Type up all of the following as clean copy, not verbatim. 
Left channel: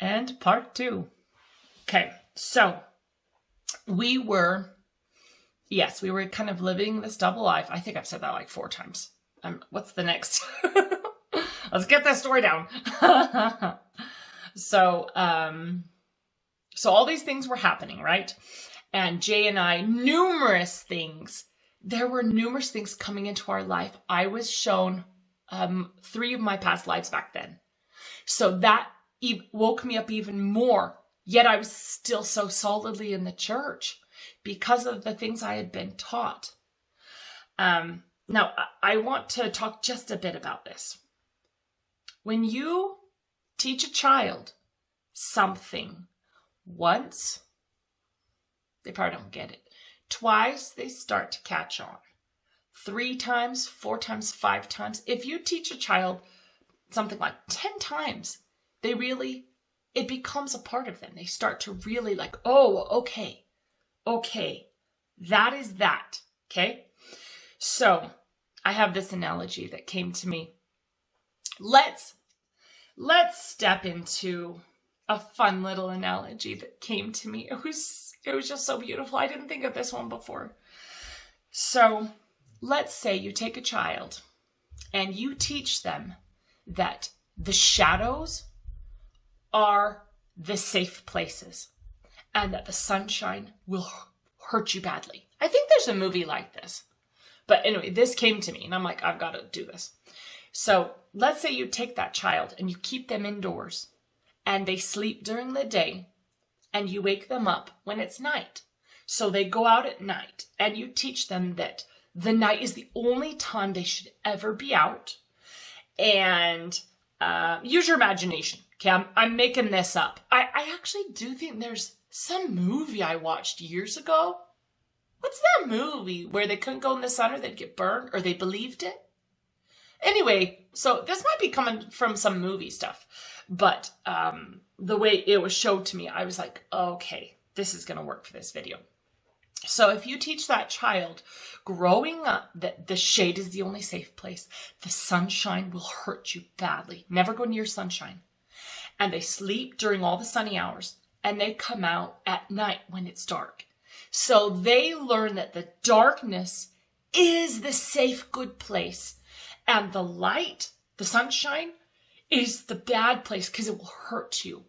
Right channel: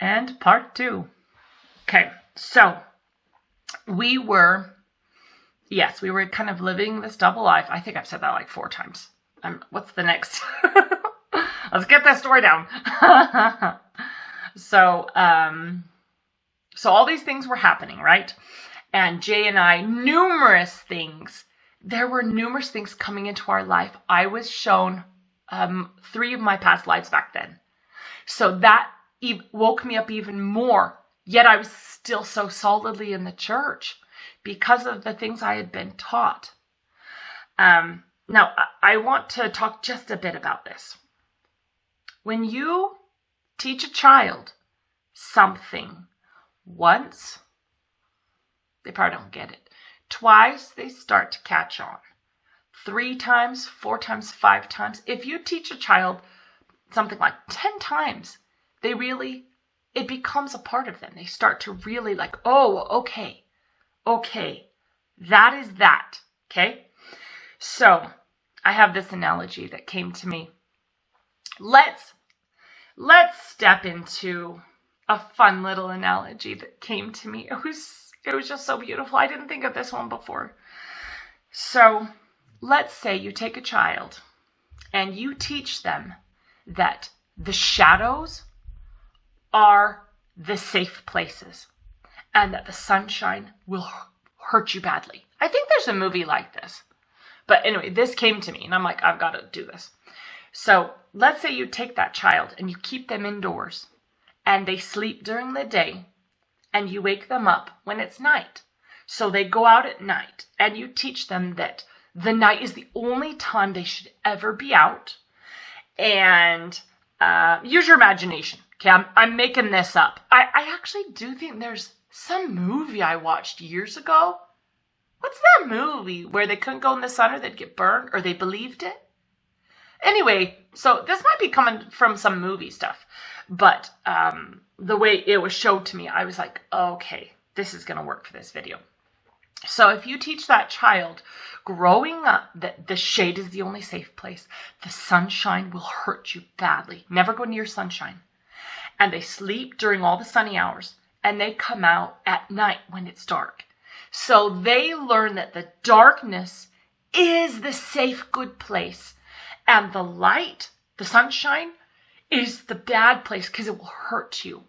And part 2. Okay, so we were kind of living this double life. I think I've said that like 4 times. What's the next? Let's get that story down. So all these things were happening, right? And Jay and I, there were numerous things coming into our life. I was shown 3 of my past lives back then. So that woke me up even more. Yet I was still so solidly in the church because of the things I had been taught. Now, I want to talk just a bit about this. When you teach a child something once, they probably don't get it. Twice, they start to catch on. 3 times, 4 times, 5 times. If you teach a child something like 10 times, it becomes a part of them. They start to really like, oh, okay, that is that, okay? So I have this analogy that came to me. Let's step into a fun little analogy that came to me. It was just so beautiful. I didn't think of this one before. So let's say you take a child and you teach them that the shadows are the safe places and that the sunshine will hurt you badly. I think there's a movie like this. But anyway, this came to me and I'm like, I've got to do this. So let's say you take that child and you keep them indoors and they sleep during the day and you wake them up when it's night. So they go out at night and you teach them that the night is the only time they should ever be out. And use your imagination. Okay, I'm making this up. I actually do think there's some movie I watched years ago. What's that movie where they couldn't go in the sun or they'd get burned, or they believed it? Anyway, so this might be coming from some movie stuff, but the way it was showed to me, I was like, okay, this is going to work for this video. So if you teach that child growing up that the shade is the only safe place, the sunshine will hurt you badly. Never go near sunshine. And they sleep during all the sunny hours and they come out at night when it's dark. So they learn that the darkness is the safe, good place. And the light, the sunshine, is the bad place because it will hurt you.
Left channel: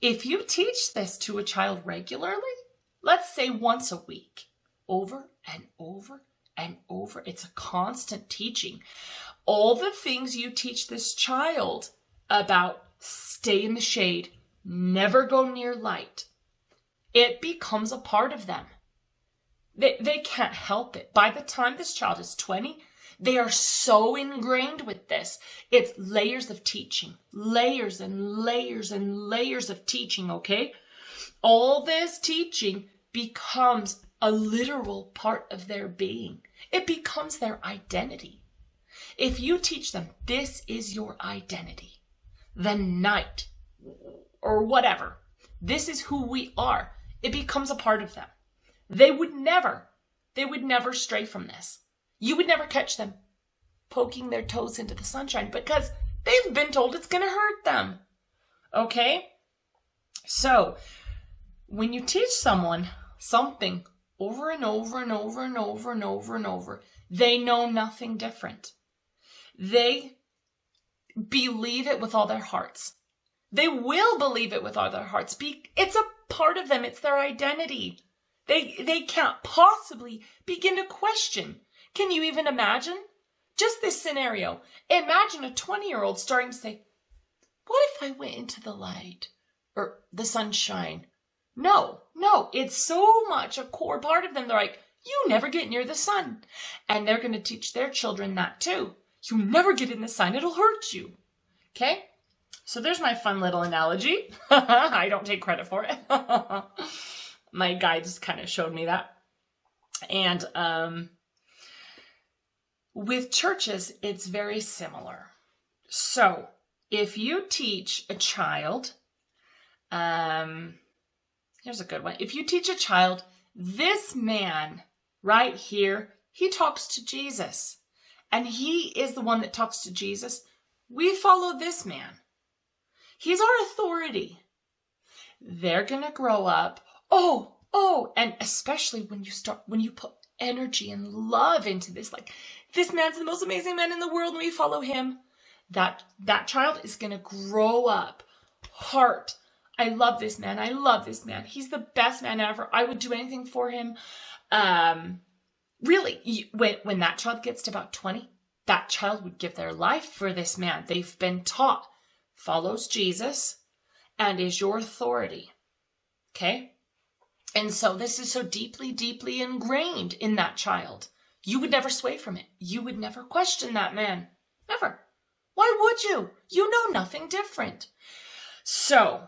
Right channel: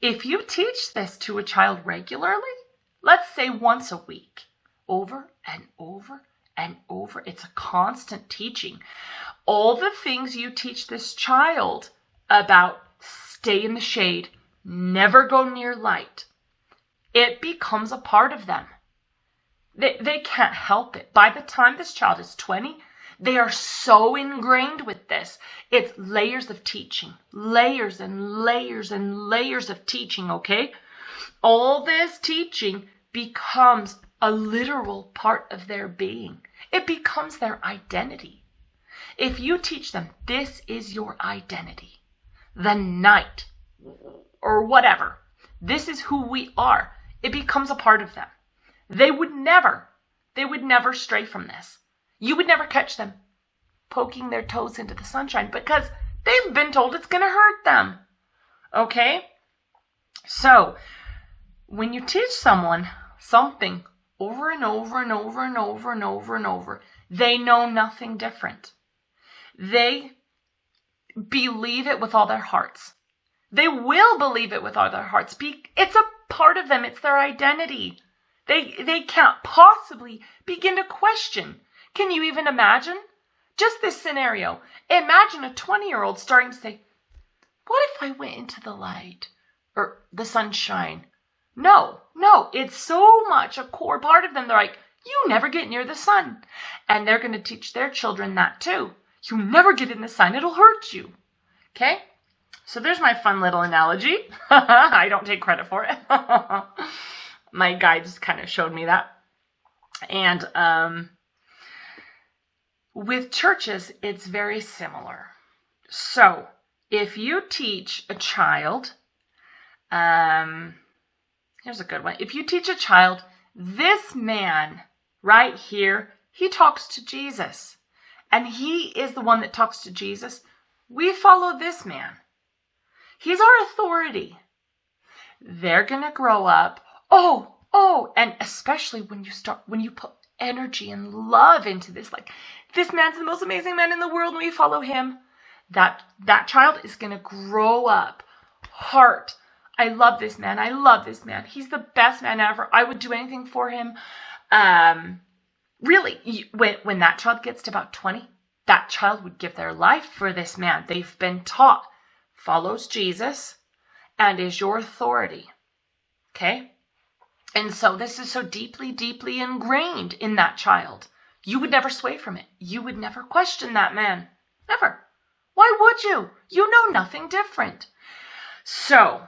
If you teach this to a child regularly, let's say once a week, over and over and over, it's a constant teaching. All the things you teach this child about stay in the shade, never go near light, it becomes a part of them. They can't help it. By the time this child is 20, they are so ingrained with this. It's layers of teaching, layers and layers and layers of teaching, okay? All this teaching becomes a literal part of their being. It becomes their identity. If you teach them, this is your identity, the night or whatever, this is who we are, it becomes a part of them. They would never stray from this. You would never catch them poking their toes into the sunshine because they've been told it's going to hurt them. Okay? So, when you teach someone something over and over and over and over and over and over, they know nothing different. They believe it with all their hearts. They will believe it with all their hearts. It's a part of them. It's their identity. They can't possibly begin to question. Can you even imagine? Just this scenario. Imagine a 20-year-old starting to say, what if I went into the light or the sunshine? No, it's so much a core part of them. They're like, you never get near the sun. And they're going to teach their children that too. You never get in the sun. It'll hurt you. Okay? So there's my fun little analogy. I don't take credit for it. My guides kind of showed me that. And with churches, it's very similar. So if you teach a child, here's a good one. If you teach a child, this man right here, he talks to Jesus. And he is the one that talks to Jesus. We follow this man. He's our authority. They're going to grow up. And especially when you put energy and love into this, like, this man's the most amazing man in the world and we follow him. That child is going to grow up. Heart. I love this man. I love this man. He's the best man ever. I would do anything for him. Really, when that child gets to about 20, that child would give their life for this man. They've been taught, follows Jesus and is your authority. Okay? And so this is so deeply, deeply ingrained in that child. You would never sway from it. You would never question that man. Never. Why would you? You know nothing different. So,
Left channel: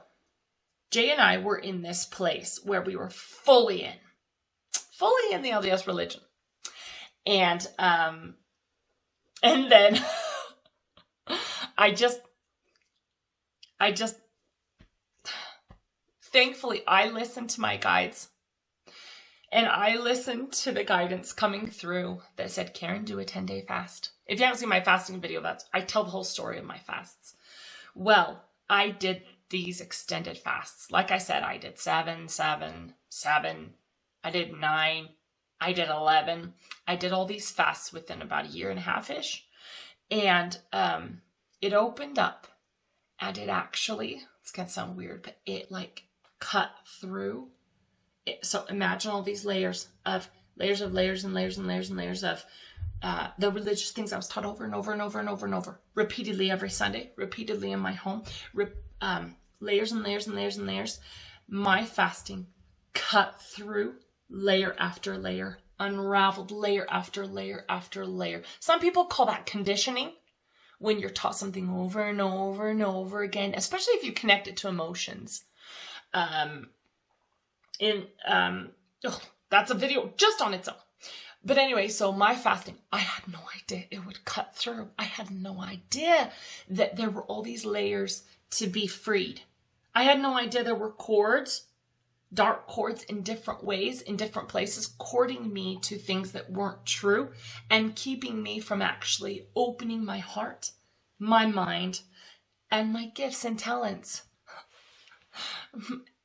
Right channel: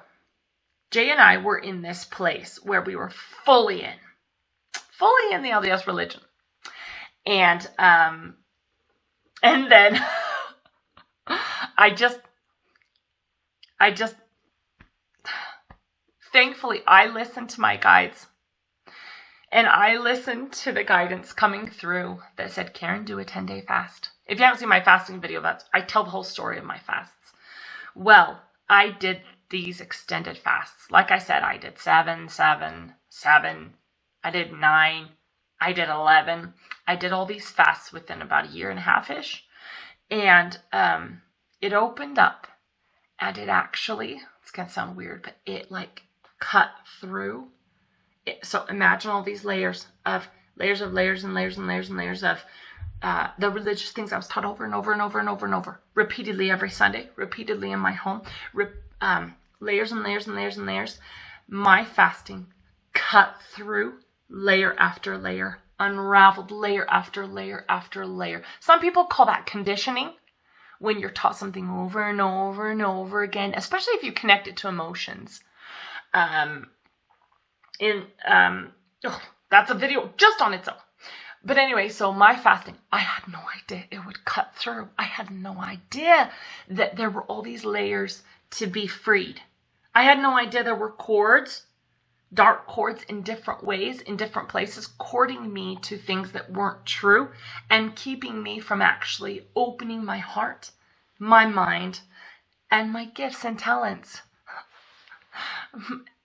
Jay and I were in this place where we were fully in the LDS religion. And then thankfully I listened to my guides, and I listened to the guidance coming through that said, Karen, do a 10-day fast. If you haven't seen my fasting video, I tell the whole story of my fasts. Well, I did these extended fasts. Like I said, I did 7, 7, 7. I did 9. I did 11. I did all these fasts within about a year and a half-ish. And it opened up. And it actually, it's going to sound weird, but it like cut through. So imagine all these layers of the religious things I was taught over and over and over and over and over, repeatedly every Sunday, repeatedly in my home, layers and layers and layers and layers. My fasting cut through layer after layer, unraveled layer after layer after layer. Some people call that conditioning, when you're taught something over and over and over again, especially if you connect it to emotions. That's a video just on its own. But anyway, so my fasting, I had no idea it would cut through. I had no idea that there were all these layers to be freed. I had no idea there were cords, dark cords in different ways, in different places, cording me to things that weren't true and keeping me from actually opening my heart, my mind, and my gifts and talents.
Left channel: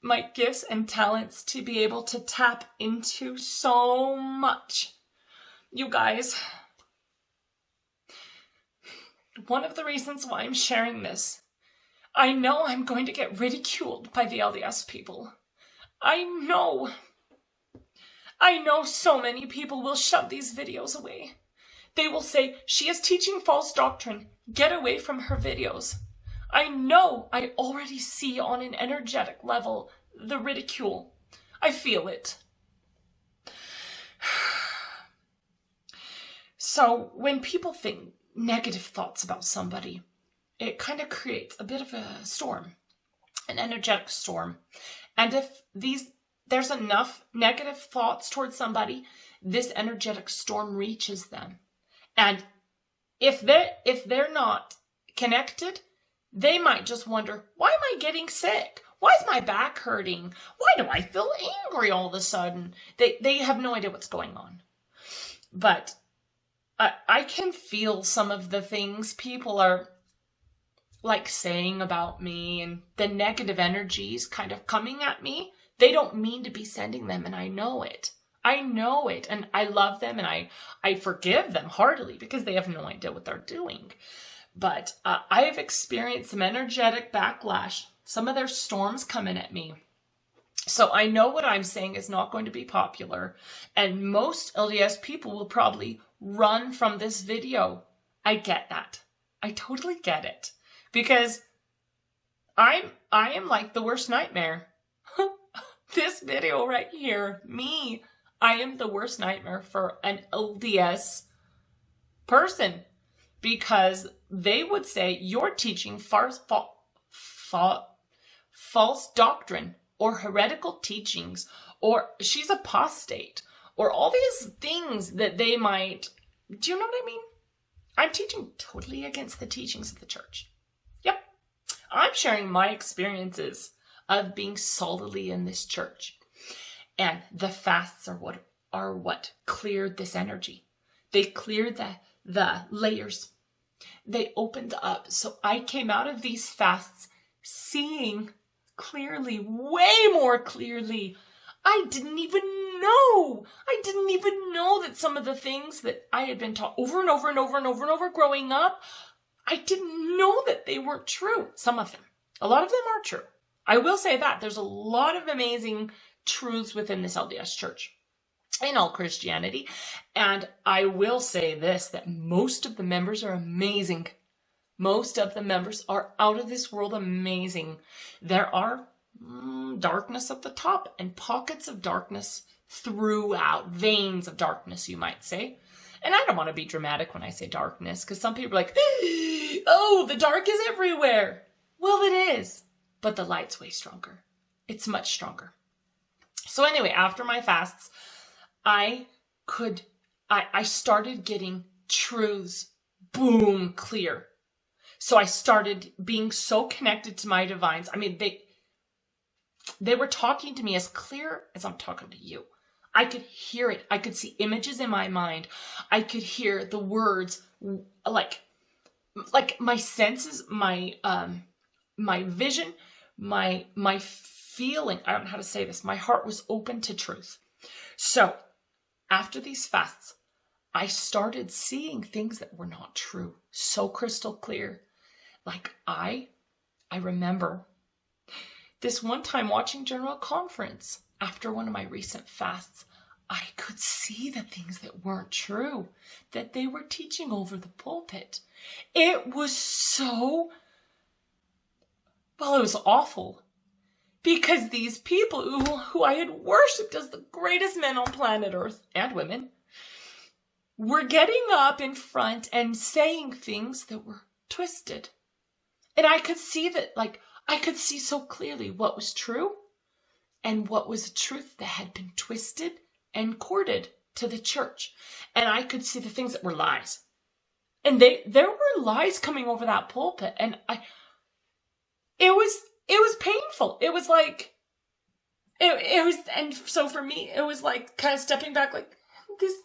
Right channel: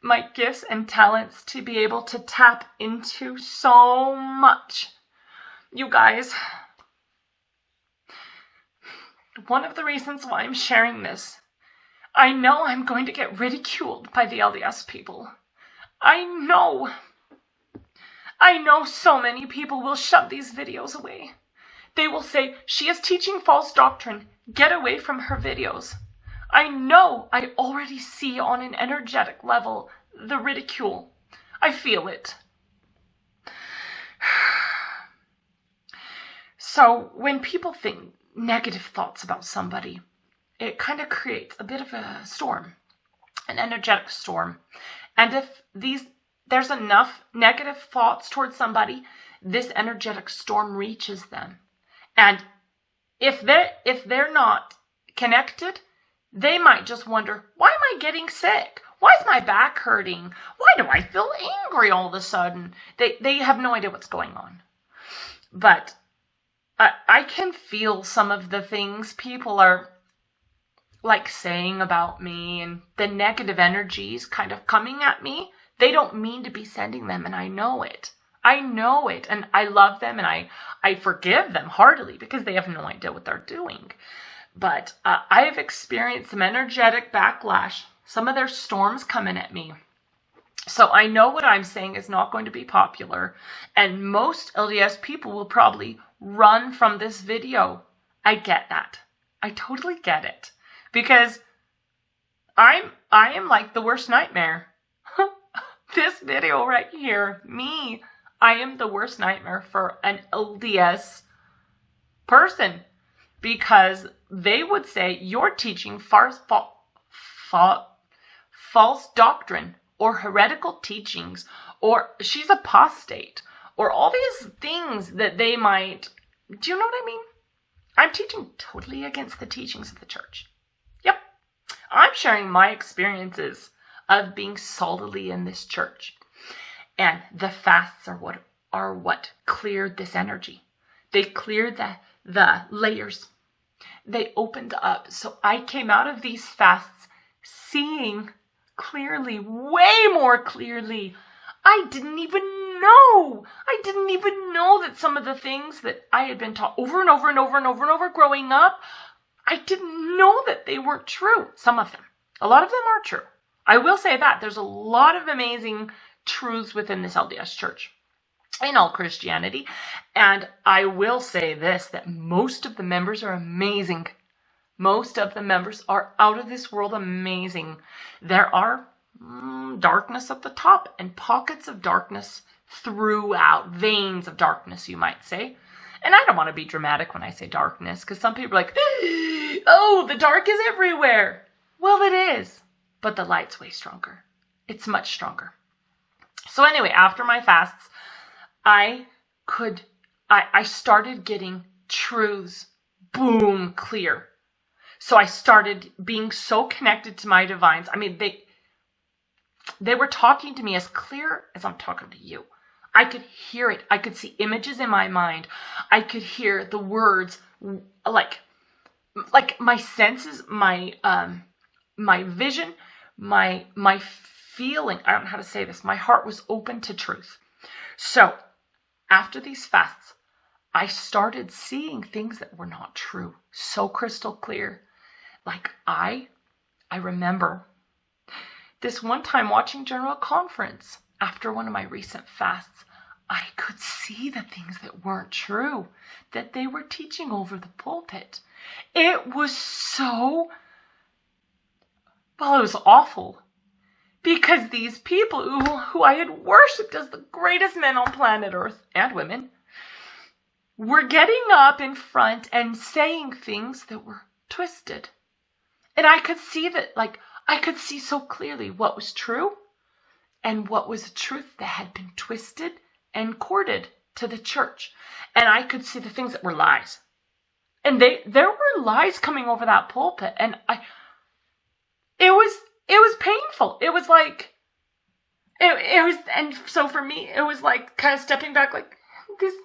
My gifts and talents to be able to tap into so much. You guys, one of the reasons why I'm sharing this, I know I'm going to get ridiculed by the LDS people. I know so many people will shove these videos away. They will say, she is teaching false doctrine. Get away from her videos. I know, I already see on an energetic level the ridicule. I feel it. So when people think negative thoughts about somebody, it kind of creates a bit of a storm, an energetic storm. And if there's enough negative thoughts towards somebody, this energetic storm reaches them. And if they're not connected, they might just wonder, why am I getting sick? Why is my back hurting? Why do I feel angry all of a sudden? They have no idea what's going on. But I can feel some of the things people are like saying about me and the negative energies kind of coming at me. They don't mean to be sending them, and I know it. I know it, and I love them, and I forgive them heartily because they have no idea what they're doing. But I have experienced some energetic backlash, some of their storms coming at me. So I know what I'm saying is not going to be popular, and most LDS people will probably run from this video. I get that. I totally get it. Because I am like the worst nightmare. This video right here, me, I am the worst nightmare for an LDS person. Because they would say, you're teaching false doctrine or heretical teachings, or she's apostate, or all these things that they might, do you know what I mean? I'm teaching totally against the teachings of the church. Yep. I'm sharing my experiences of being solidly in this church. And the fasts are what cleared this energy. They cleared the layers. They opened up. So I came out of these fasts seeing clearly, way more clearly. I didn't even know. I didn't even know that some of the things that I had been taught over and over and over and over and over growing up, I didn't know that they weren't true. Some of them. A lot of them are true. I will say that. There's a lot of amazing truths within this LDS church, in all Christianity. And I will say this, that most of the members are amazing. Most of the members are out of this world amazing. There are darkness at the top and pockets of darkness throughout, veins of darkness, you might say. And I don't want to be dramatic when I say darkness, because some people are like, oh, the dark is everywhere. Well, it is, but the light's way stronger. It's much stronger. So anyway, after my fasts, I started getting truths, boom, clear. So I started being so connected to my divines. I mean, they were talking to me as clear as I'm talking to you. I could hear it. I could see images in my mind. I could hear the words, like my senses, my vision, my feeling. I don't know how to say this. My heart was open to truth. So after these fasts, I started seeing things that were not true. So crystal clear. Like I remember this one time watching General Conference after one of my recent fasts. I could see the things that weren't true, that they were teaching over the pulpit. It was so, well, it was awful. Because these people who I had worshipped as the greatest men on planet Earth, and women, were getting up in front and saying things that were twisted. And I could see that, I could see so clearly what was true and what was a truth that had been twisted and corded to the church. And I could see the things that were lies. And there were lies coming over that pulpit. And it was painful. It was like, it was, and so for me, it was like kind of stepping back like this,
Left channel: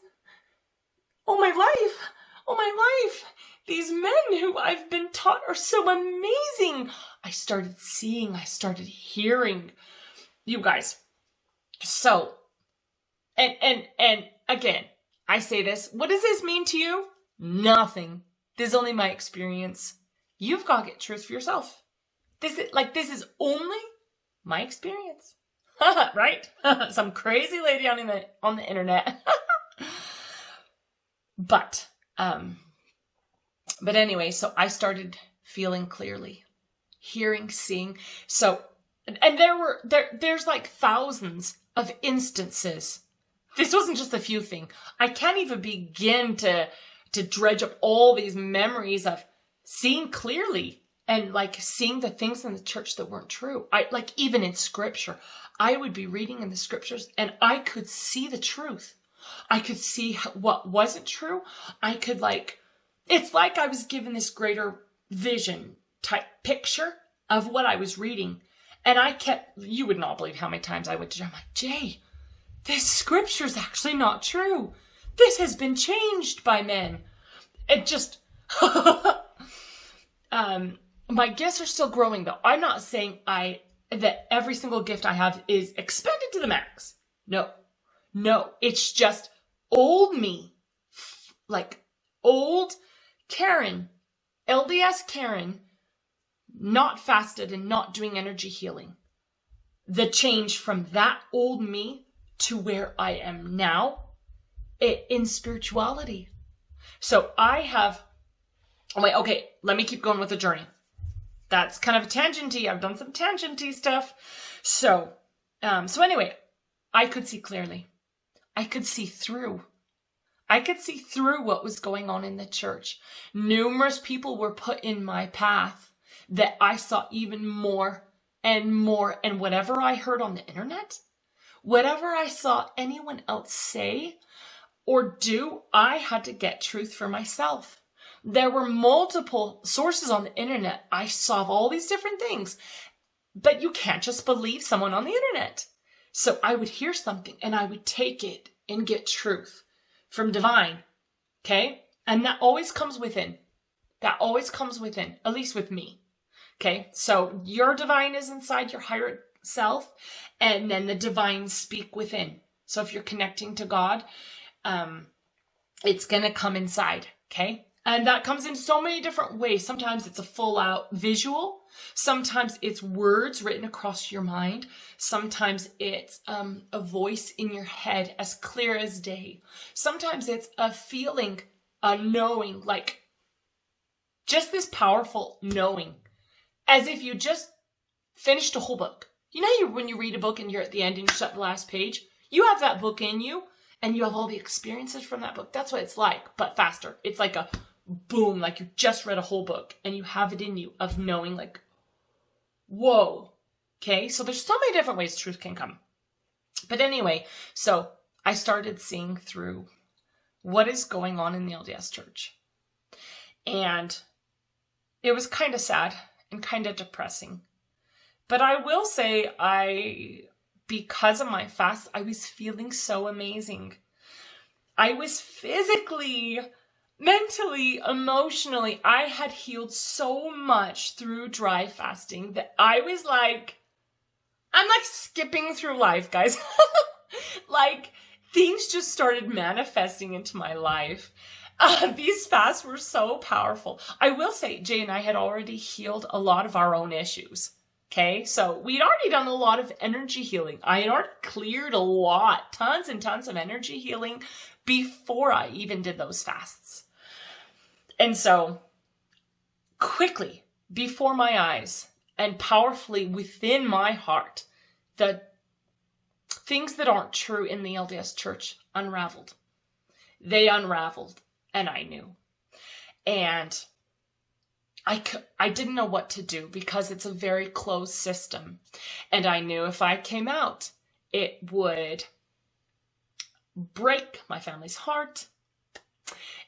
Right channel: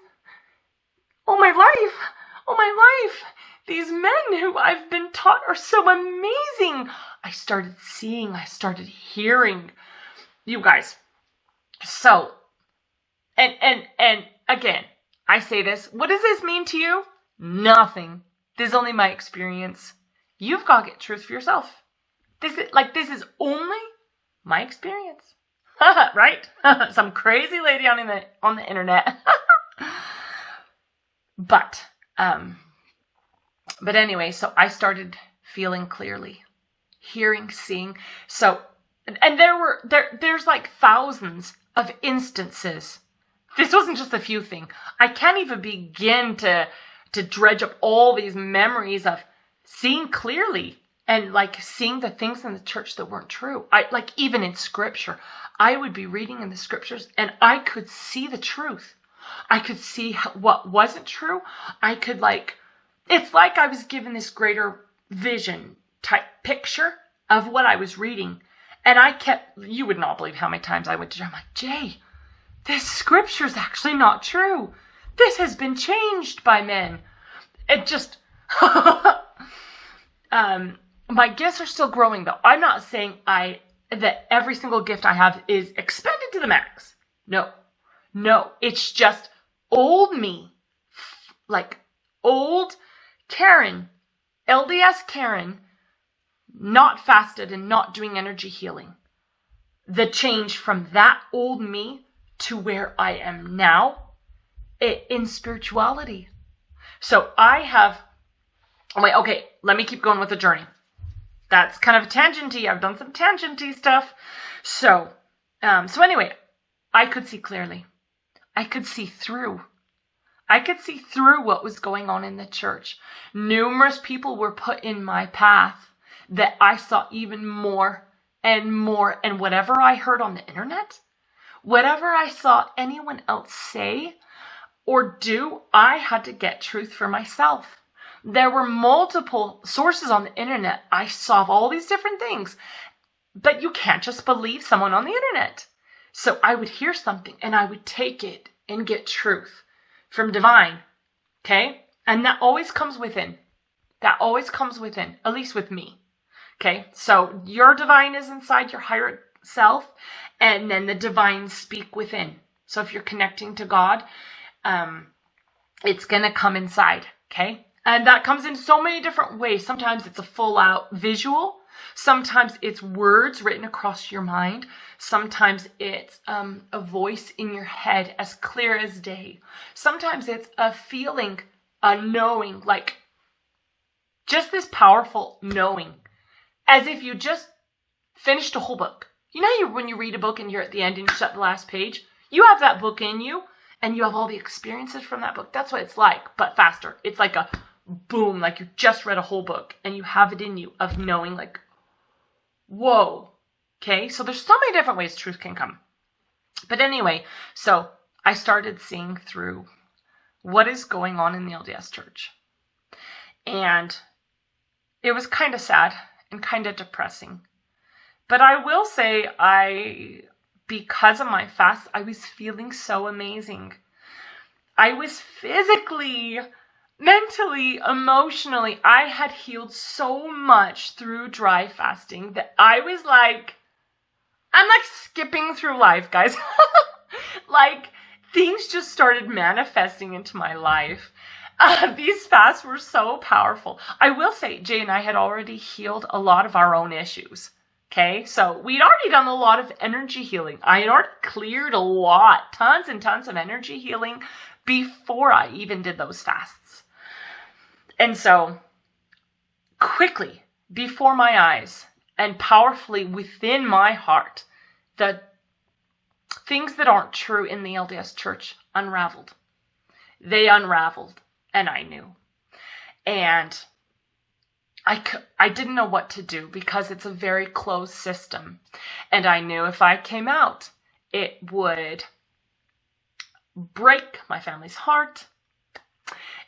oh my life, these men who I've been taught are so amazing. I started seeing, I started hearing, you guys. So, and again, I say this, what does this mean to you? Nothing. This is only my experience. You've got to get truth for yourself. This is only my experience. Right? Some crazy lady on the internet. But anyway, so I started feeling clearly, hearing, seeing. So, and there's like thousands of instances. This wasn't just a few things. I can't even begin to dredge up all these memories of seeing clearly and like seeing the things in the church that weren't true. Even in scripture, I would be reading in the scriptures and I could see the truth. I could see what wasn't true. I could it's like I was given this greater vision type picture of what I was reading. And you would not believe how many times I went to Jay. I'm like, Jay, this scripture is actually not true. This has been changed by men. It just, my gifts are still growing though. I'm not saying that every single gift I have is expanded to the max. No, it's just old me, like old Karen, LDS Karen, not fasted and not doing energy healing. The change from that old me to where I am now in spirituality. So okay, let me keep going with the journey. That's kind of a tangenty. I've done some tangenty stuff. So anyway, I could see clearly. I could see through. I could see through what was going on in the church. Numerous people were put in my path that I saw even more and more. And whatever I heard on the internet, whatever I saw anyone else say or do, I had to get truth for myself. There were multiple sources on the internet. I saw all these different things, but you can't just believe someone on the internet. So I would hear something and I would take it and get truth from divine. Okay. And that always comes within. At least with me. Okay, so your divine is inside your higher self, and then the divine speak within. So if you're connecting to God, it's going to come inside, okay? And that comes in so many different ways. Sometimes it's a full out visual. Sometimes it's words written across your mind. Sometimes it's a voice in your head as clear as day. Sometimes it's a feeling, a knowing, like just this powerful knowing, as if you just finished a whole book. You know, when you read a book and you're at the end and you shut the last page, you have that book in you and you have all the experiences from that book. That's what it's like, but faster. It's like a boom, like you just read a whole book and you have it in you of knowing, like, whoa. Okay, so there's so many different ways truth can come. But anyway, so I started seeing through what is going on in the LDS church. And it was kind of sad and kind of depressing. But I will say because of my fast, I was feeling so amazing. I was physically, mentally, emotionally, I had healed so much through dry fasting that I was like, I'm like skipping through life, guys. Like things just started manifesting into my life. These fasts were so powerful. I will say, Jay and I had already healed a lot of our own issues. Okay, so we'd already done a lot of energy healing. I had already cleared a lot, tons and tons of energy healing before I even did those fasts. And so quickly, before my eyes and powerfully within my heart, the things that aren't true in the LDS church unraveled. They unraveled, and I knew. And I didn't know what to do because it's a very closed system. And I knew if I came out, it would break my family's heart.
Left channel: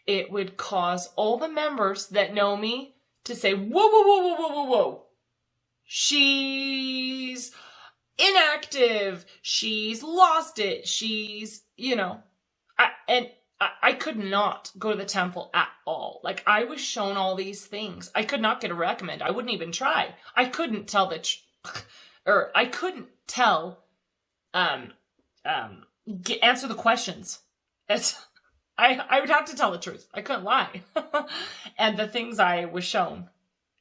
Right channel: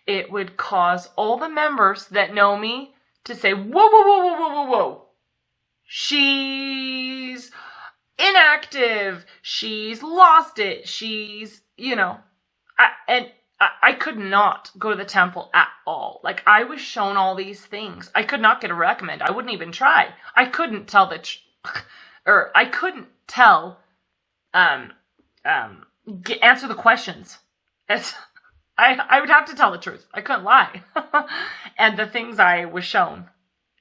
It would cause all the members that know me to say, whoa, whoa, whoa, whoa, whoa, whoa, whoa. She's inactive. She's lost it. She's, I could not go to the temple at all. Like, I was shown all these things. I could not get a recommend. I wouldn't even try. I couldn't tell I couldn't tell, answer the questions. I would have to tell the truth. I couldn't lie. And the things I was shown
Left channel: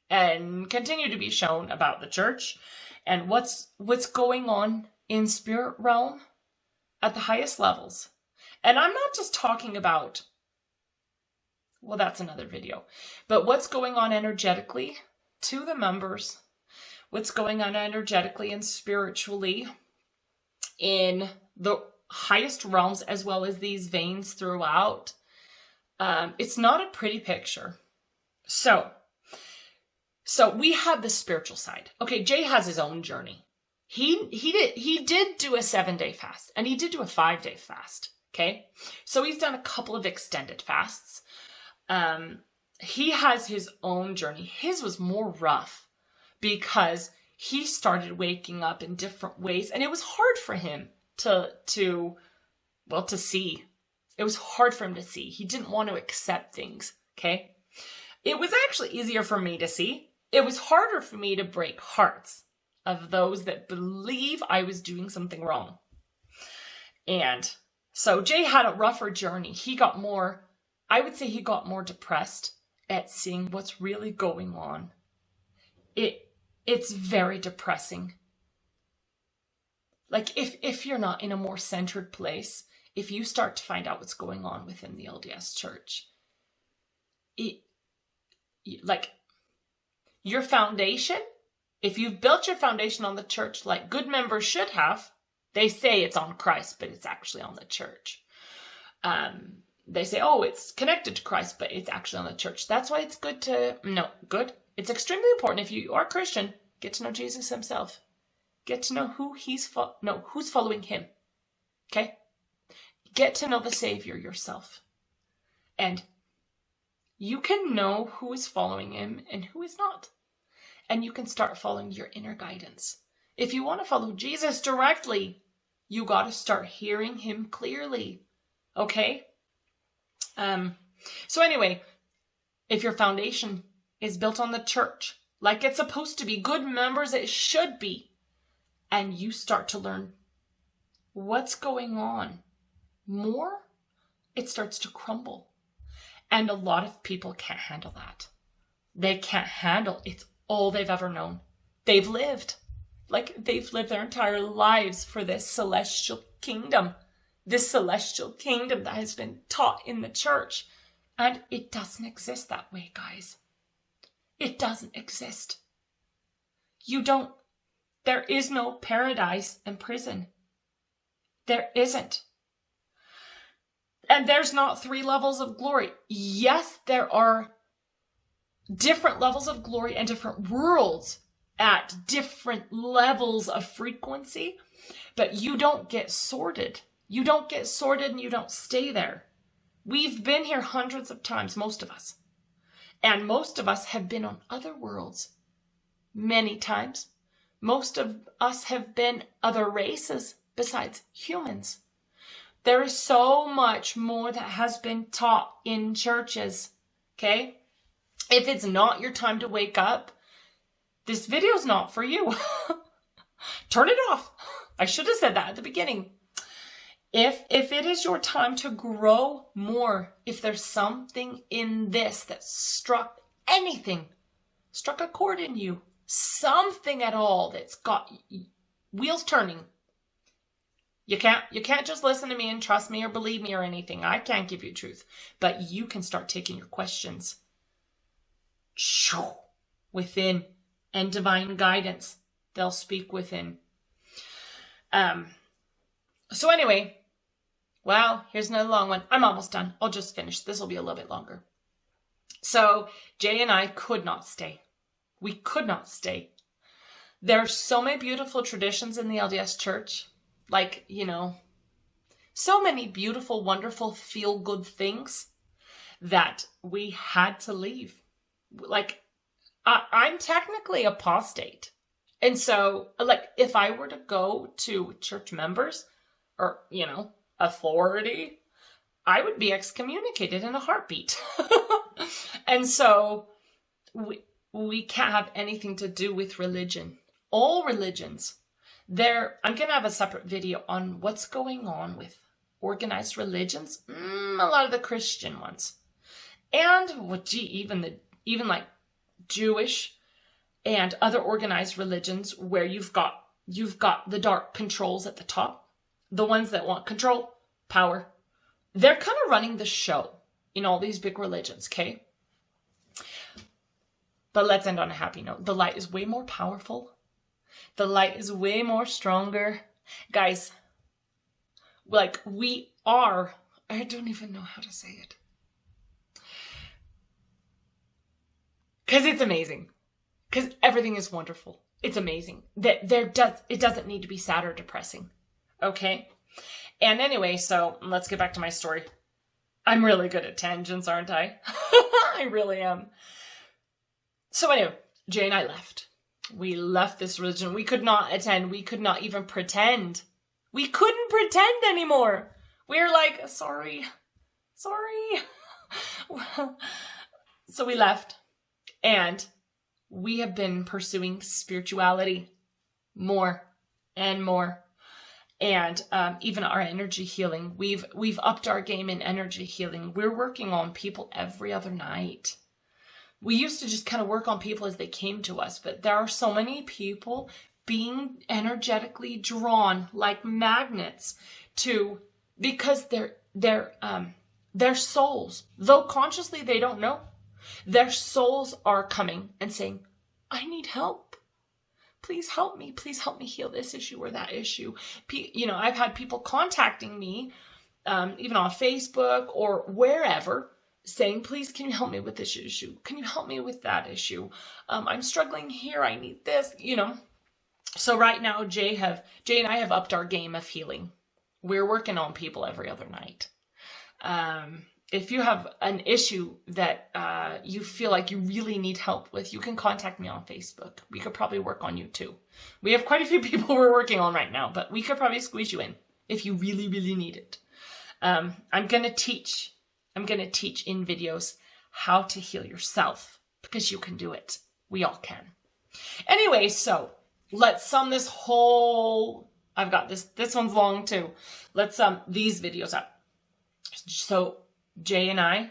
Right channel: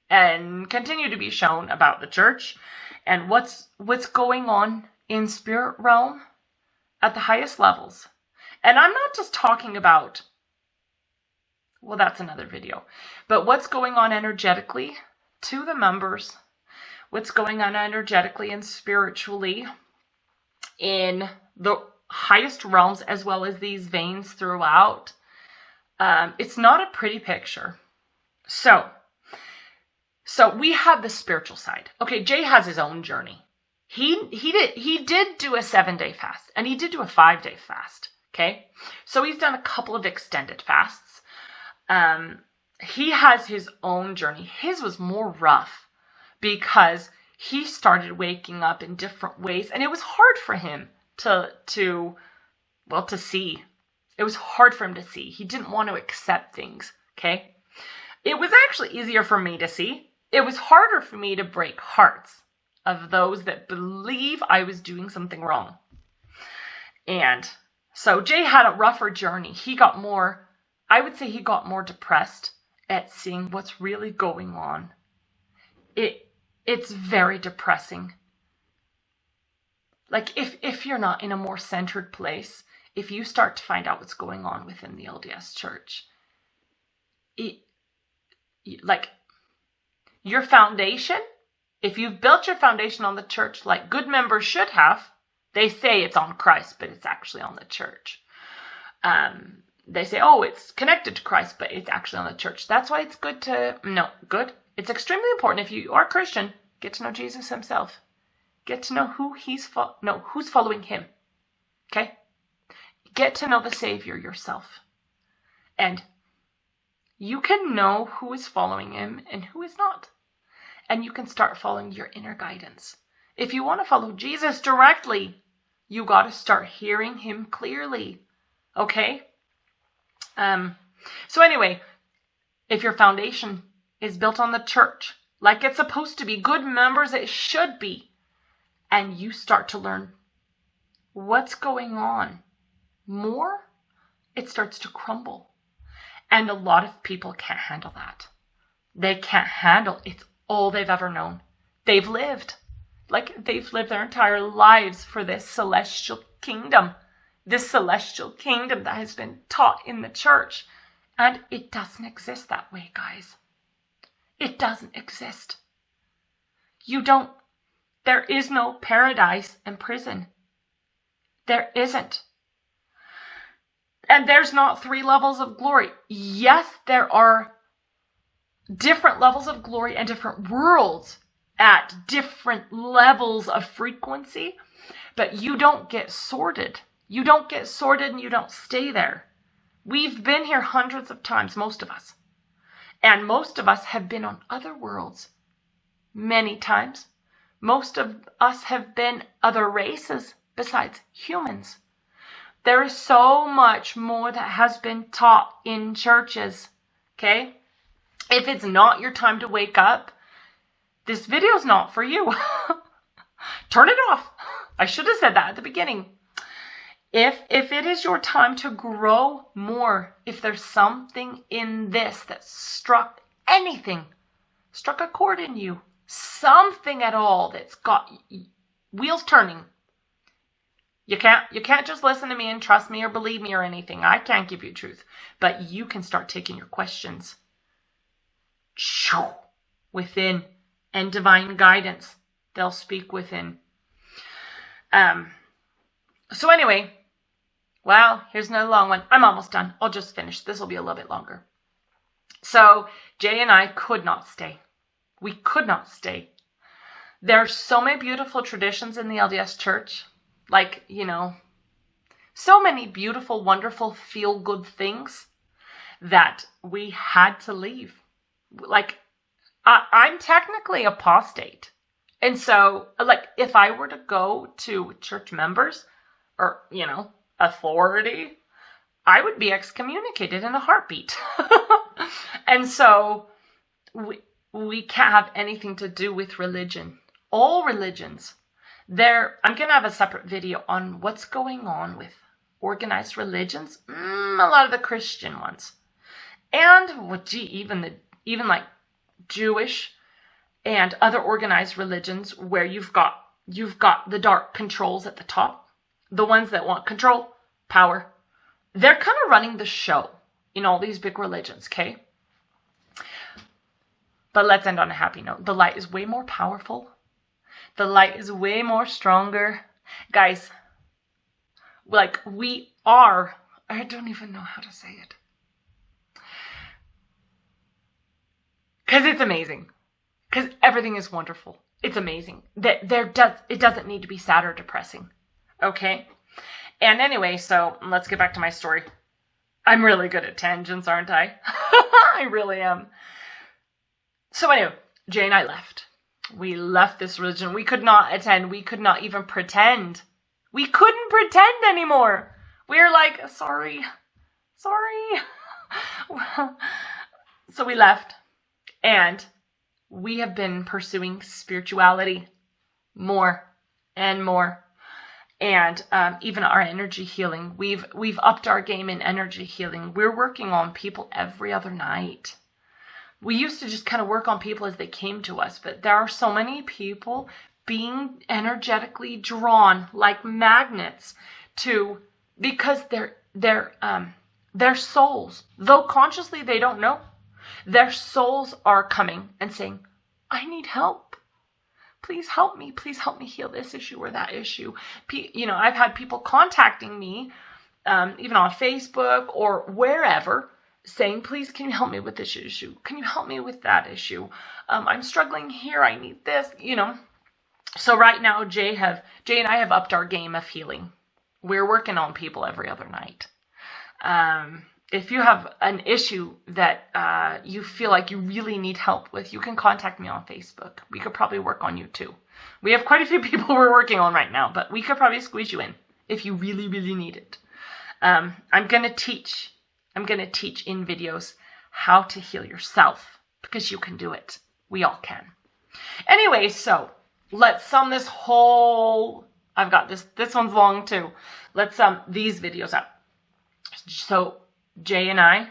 and continue to be shown about the church and what's going on in spirit realm at the highest levels. And I'm not just talking about, well, that's another video, but what's going on energetically to the members, what's going on energetically and spiritually in the highest realms, as well as these veins throughout. It's not a pretty picture. So we have the spiritual side. Okay, Jay has his own journey. He did do a 7-day fast, and he did do a 5-day fast. Okay, so he's done a couple of extended fasts. He has his own journey. His was more rough because he started waking up in different ways, and it was hard for him to see. It was hard for him to see. He didn't want to accept things. Okay, it was actually easier for me to see. It was harder for me to break hearts of those that believe I was doing something wrong. And so Jay had a rougher journey. He got more depressed at seeing what's really going on. It's very depressing. Like if you're not in a more centered place, if you start to find out what's going on within the LDS church, like your foundation, if you've built your foundation on the church like good members should have, they say it's on Christ, but it's actually on the church. They say, oh, it's connected to Christ, but it's actually on the church. That's why it's It's extremely important if you are Christian, get to know Jesus himself. Get to know who's following him. Okay? Get to know the Savior yourself. And you can know who is following him and who is not. And you can start following your inner guidance. If you want to follow Jesus directly, you got to start hearing him clearly. Okay? So anyway, if your foundation is built on the church, like it's supposed to be, good members it should be, and you start to learn what's going on more, it starts to crumble. And a lot of people can't handle that. They can't handle, it's all they've ever known. They've lived their entire lives for this celestial kingdom that has been taught in the church. And it doesn't exist that way, guys. It doesn't exist. There is no paradise and prison. There isn't. And there's not 3 levels of glory. Yes, there are different levels of glory and different worlds at different levels of frequency, but you don't get sorted. You don't get sorted and you don't stay there. We've been here hundreds of times, most of us. And most of us have been on other worlds many times. Most of us have been other races besides humans. There is so much more that has been taught in churches, okay? If it's not your time to wake up, this video is not for you. Turn it off. I should have said that at the beginning. If it is your time to grow more, if there's something in this that struck a chord in you, something at all that's got wheels turning, you can't just listen to me and trust me or believe me or anything. I can't give you truth, but you can start taking your questions within, and divine guidance. They'll speak within. So anyway, well, here's another long one. I'm almost done. I'll just finish. This will be a little bit longer. So Jay and I could not stay. We could not stay. There are so many beautiful traditions in the LDS church. Like, so many beautiful, wonderful, feel-good things that we had to leave. Like, I'm technically apostate. And so, if I were to go to church members or, authority, I would be excommunicated in a heartbeat. And so, we can't have anything to do with religion. All religions. I'm going to have a separate video on what's going on with organized religions. A lot of the Christian ones. And, even like Jewish and other organized religions where you've got the dark controls at the top. The ones that want control, power. They're kind of running the show in all these big religions, okay? But let's end on a happy note. The light is way more powerful. The light is way more stronger. Guys, we are, I don't even know how to say it. Because it's amazing. Because everything is wonderful. It's amazing. It doesn't need to be sad or depressing. Okay? And anyway, so let's get back to my story. I'm really good at tangents, aren't I? I really am. So anyway, Jay and I left. We left this religion. We could not attend. We could not even pretend. We couldn't pretend anymore. We were like, sorry. So we left. And we have been pursuing spirituality more and more. And even our energy healing. We've upped our game in energy healing. We're working on people every other night. We used to just kind of work on people as they came to us, but there are so many people being energetically drawn like magnets because their souls, though consciously they don't know, their souls are coming and saying, I need help. Please help me heal this issue or that issue. I've had people contacting me, even on Facebook or wherever, saying, please, can you help me with this issue? Can you help me with that issue? I'm struggling here. I need this, So right now, Jay and I have upped our game of healing. We're working on people every other night. If you have an issue that you feel like you really need help with, you can contact me on Facebook. We could probably work on you too. We have quite a few people we're working on right now, but we could probably squeeze you in if you really, really need it. I'm going to teach in videos how to heal yourself because you can do it. We all can. Anyway, so let's sum this whole, I've got this one's long too. Let's sum these videos up. So Jay and I,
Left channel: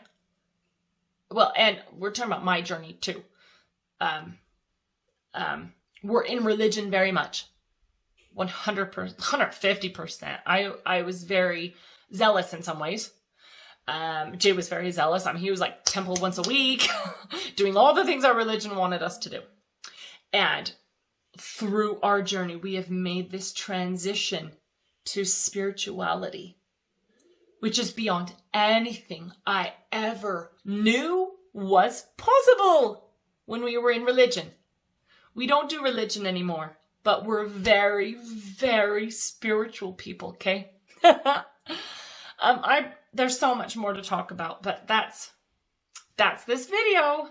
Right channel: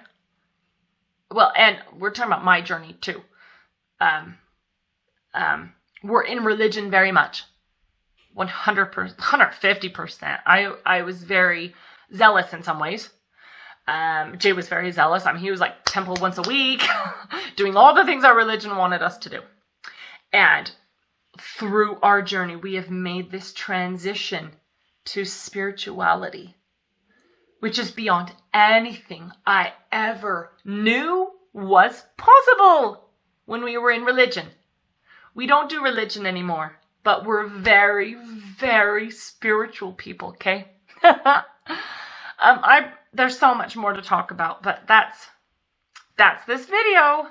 well, and we're talking about my journey too. We're in religion very much. 100%, 150%. I was very zealous in some ways. Jay was very zealous. I mean, he was like temple once a week, doing all the things our religion wanted us to do. And through our journey, we have made this transition to spirituality, which is beyond anything I ever knew was possible when we were in religion. We don't do religion anymore, but we're very, very spiritual people, okay? There's so much more to talk about, but that's this video.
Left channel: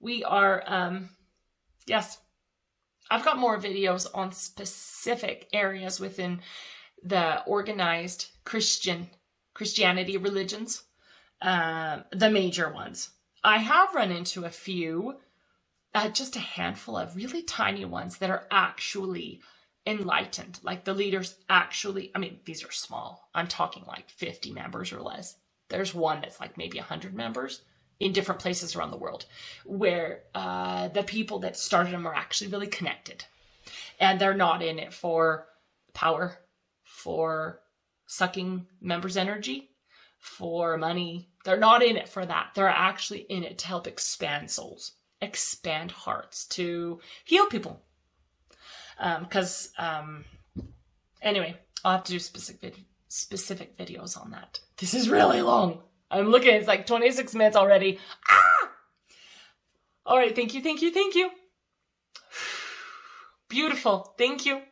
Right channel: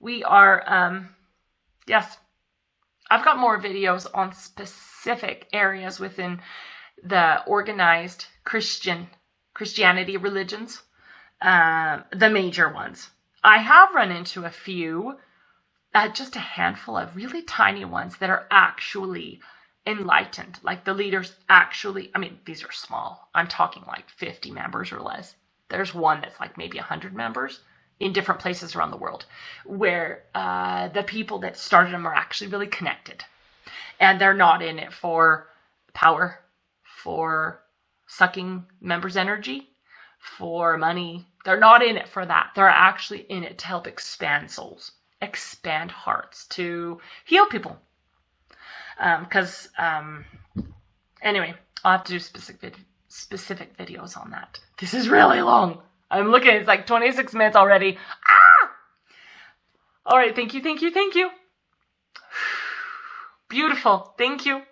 We are, yes, I've got more videos on specific areas within the organized Christianity religions, the major ones. I have run into a few, just a handful of really tiny ones that are actually enlightened. Like the leaders actually, I mean, these are small. I'm talking like 50 members or less. There's one that's like maybe 100 members in different places around the world where the people that started them are actually really connected. And they're not in it for power, for sucking members' energy, for money. They're not in it for that. They're actually in it to help expand souls, expand hearts, to heal people. Anyway, I'll have to do specific videos on that. This is really long. I'm looking, it's like 26 minutes already. Ah! All right, thank you. Beautiful, thank you.